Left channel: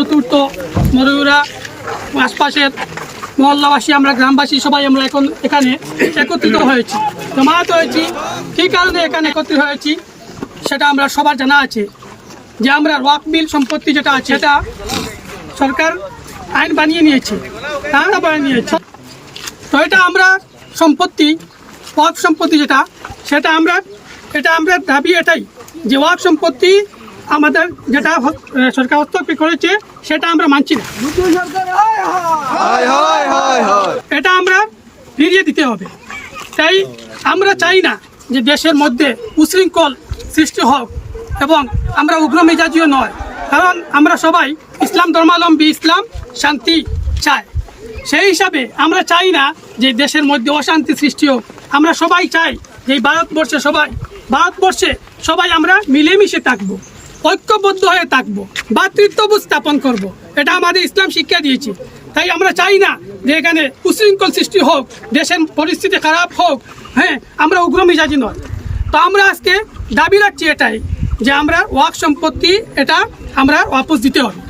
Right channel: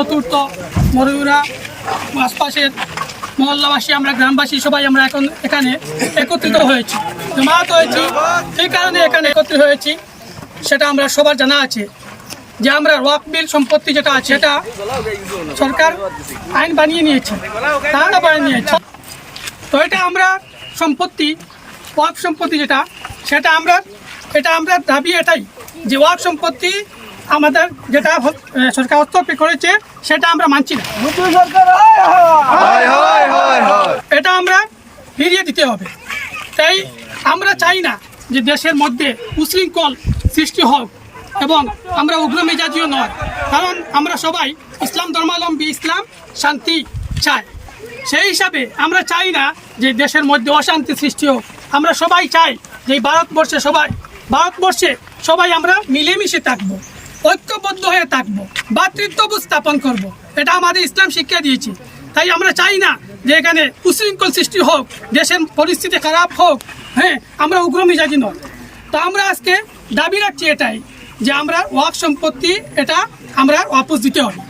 চতুর্থ মরুরা আশপাশের মহল্লাবাসী, আমরা গ্রামবাসী সবাই আমরা এখন এখানে একত্রিত হয়েছি, জমায়েত হয়েছি। কী কারণে এখানে একত্রিত হয়েছি সেটা আমরা সবার জানা আছে, যে আমরা ওয়াকফ বিল সম্পত্তি যেটা আছে সেটা সরকার আইন বানিয়ে নিয়েছে, তারা বানিয়ে নিয়েছে। তো এটা আমরা সম্পত্তি, ওয়াকফ সম্পত্তি সেটা আমরা দাবি এটাই যে ওয়াকফ সম্পত্তি আমাদের যেটা সরকার হস্তক্ষেপ করেছে সেটা আমরা মানছি না, এটা আমরা ফিরিয়ে দিতে হবে। তাই আমরা চাই না যে দেশের মধ্যে উশৃঙ্খল সৃষ্টি হোক, এবং আমরা উগ্র মেজাজিও নয়, কারণ আমরা সবাই ইসলাম ধর্মাবলম্বী, ইসলাম শান্তি চাই। সেই হিসাবে আমরা চাই না যে দেশের মধ্যে অশান্তি সৃষ্টি হোক। আমরা সবাই চাই যে ভারতবর্ষে সবাই আমরা মিলেমিশে থাকবো, ঐক্যবদ্ধ হয়ে থাকবো, ভ্রাতৃত্ববোধ স্থাপন করব। এটা আমাদের ইসলাম শিক্ষা দিয়েছে। তাই আমরা চাই না যে এখানে উশৃঙ্খল সৃষ্টি হোক, দেশের পরিস্থিতি খারাপ হোক। হ্যাঁ, আমরা উগ্র মেজাজি নয়। তো আমরা আজকে দাবি রাখছি এটাই যে আমরা ওয়াকফ সম্পত্তি এটা আমরা ওয়াপস দিতে হবে,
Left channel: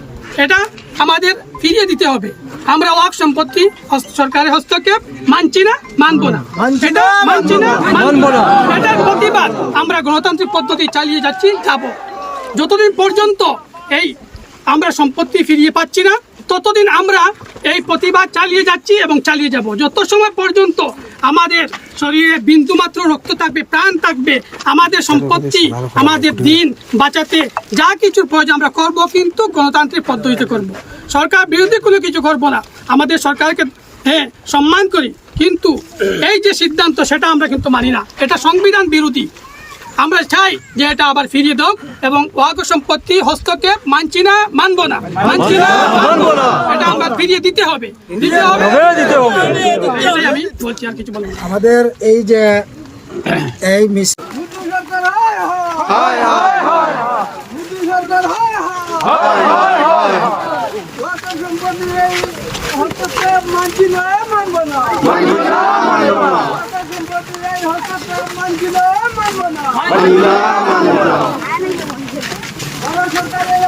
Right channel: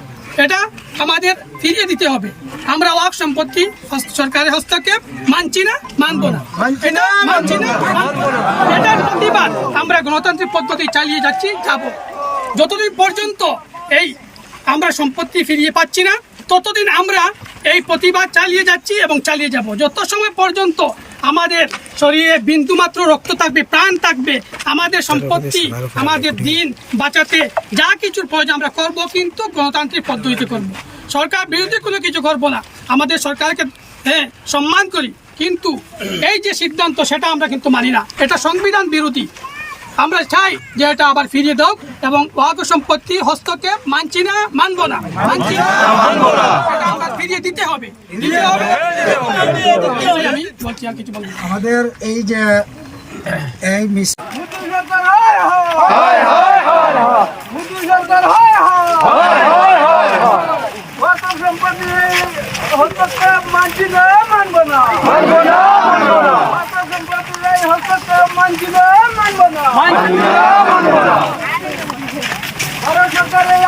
এটা আমাদের ফিরিয়ে দিতে হবে। আমরা ওয়াকফ সম্পত্তি সরকারের হস্তক্ষেপ মানছি না, মানবো না, এটা মানছি না, মানবো না। এটার প্রতিবাদ আমরা গণতান্ত্রিক পদ্ধতি চালিয়ে যাব। যতদিন পর্যন্ত এই আমরা সম্পত্তি ফিরিয়ে পাচ্ছি না, ততদিন আমরা এই প্রতিবাদ চালিয়ে যাচ্ছি এবং চালিয়ে যাব। যত সময় পর্যন্ত আমাদের শরীরে বিন্দুমাত্র রক্ত থাকবে, প্রাণ থাকবে, আমাদের সম্পত্তি, আমাদের দিন বাঁচাতে যা কিছুর প্রয়োজন আমরা করব, কিন্তু গণতান্ত্রিক পদ্ধতিতে করব। সরকার বিরোধী কোনো কিছু করব না। আমাদের সরকারকে সম্মান করি, কিন্তু এই যে সিদ্ধান্ত সেটা আমরা কিন্তু মানি না, এটা সংবিধান বিরোধী। আমরা চাই যে এটা আবার ফিরিয়ে দাও, এবং ওয়াকফ সম্পত্তি হস্তক্ষেপ মানছি না, মানবো না, মানছি না, মানবো না, এটা আমরা ফিরিয়ে দিতে হবে, দিতে হবে। আমি বলছি, আর কিছু বলবো না। আমাদের এই যে এই হস্তক্ষেপ মানছি না, মানবো না, হস্তক্ষেপ মানছি না, মানবো না। ভারত সরকারের